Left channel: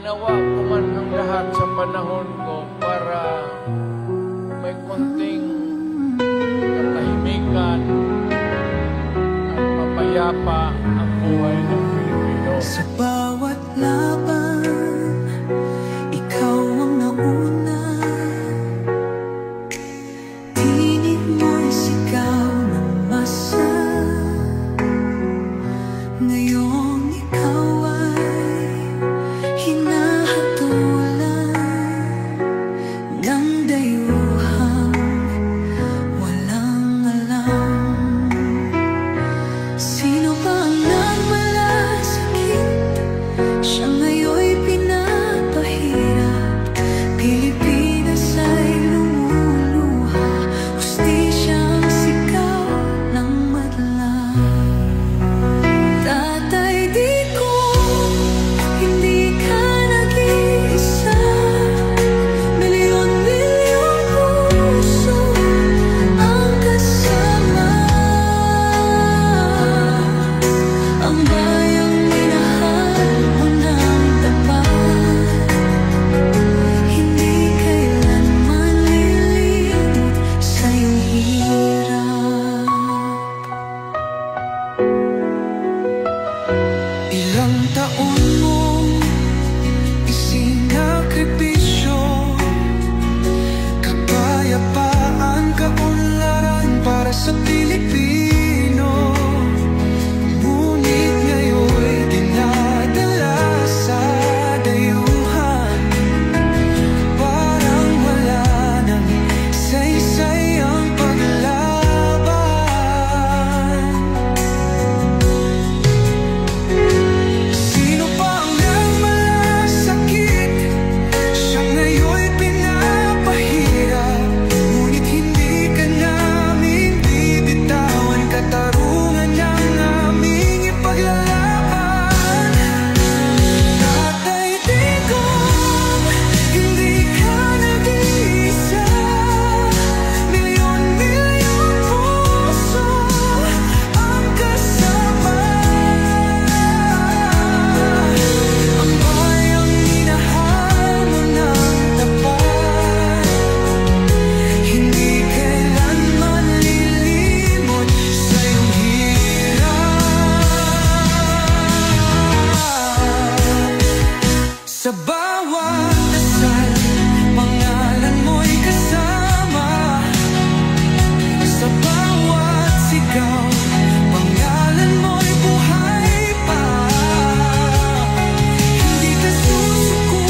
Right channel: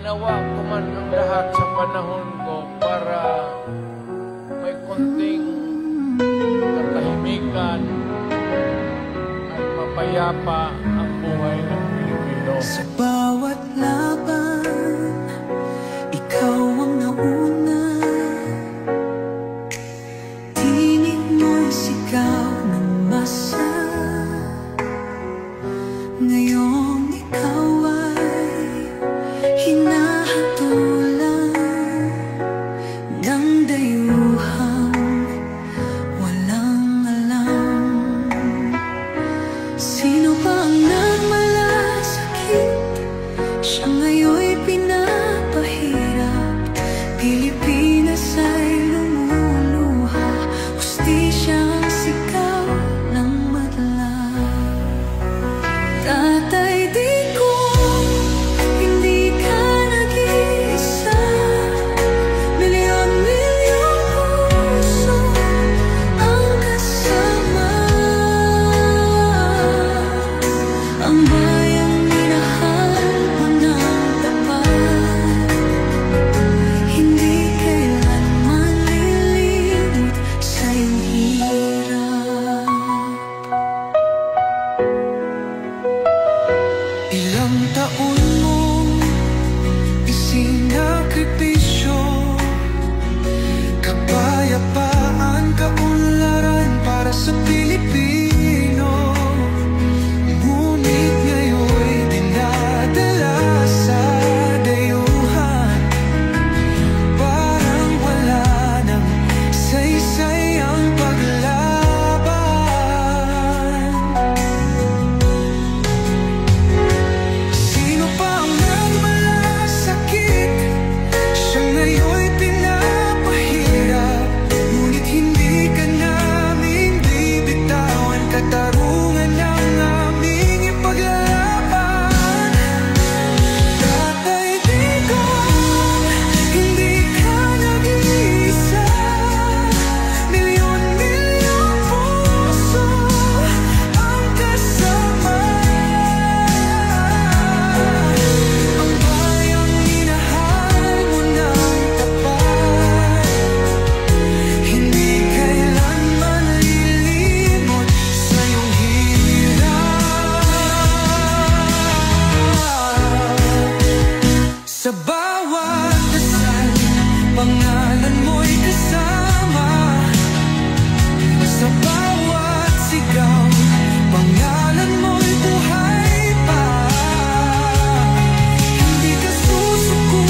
Ginawa ko man ang lahat sa panahon ko para may konting katahimikan at mapayapa ang buhay ng Pilipino. Sa bawat laban, ikaw ang nauna. Tinig mo'y sigaw ng masa. Ngayong ikaw ay hinahatulan ng dayuhang walang alam. Sino ba ang nagmalasakit? Siya ngayon'y pinapahirap. Pilipinas ay lumuluha. Hustisyang sigaw ng madlang. Tatay, di ko hindi ka nag-iisa. Milyon-milyong puso ang kasama. Ang bayang minahal mo ng tapat, hindi kailanman lilimot sa iyong hirap. Ilang taon mong isinakripisyo, kapayapaan, kaunlaran para sa Pilipino. Ngunit ngayon'y dinadala sa dayuhan. Parang wala nang saysay ang paglaban. Sino pa ang nagmalasakit? Siya ngayon'y pinapahirap. Ngunit hindi ka naming bibitawan. Katarungan ng aming ipaglalaban. Tatay, digong, hindi ka nag-iisa. Milyon-milyong puso ang kasama. Ang bayang minahal mo ng tapat, hindi kailanman lilimot sa iyong hirap. Sa bawat dasal, pangalan mo'y kasama. Sa bawat sigaw, pangalan mo'y buhay pa. Hindi ka susuko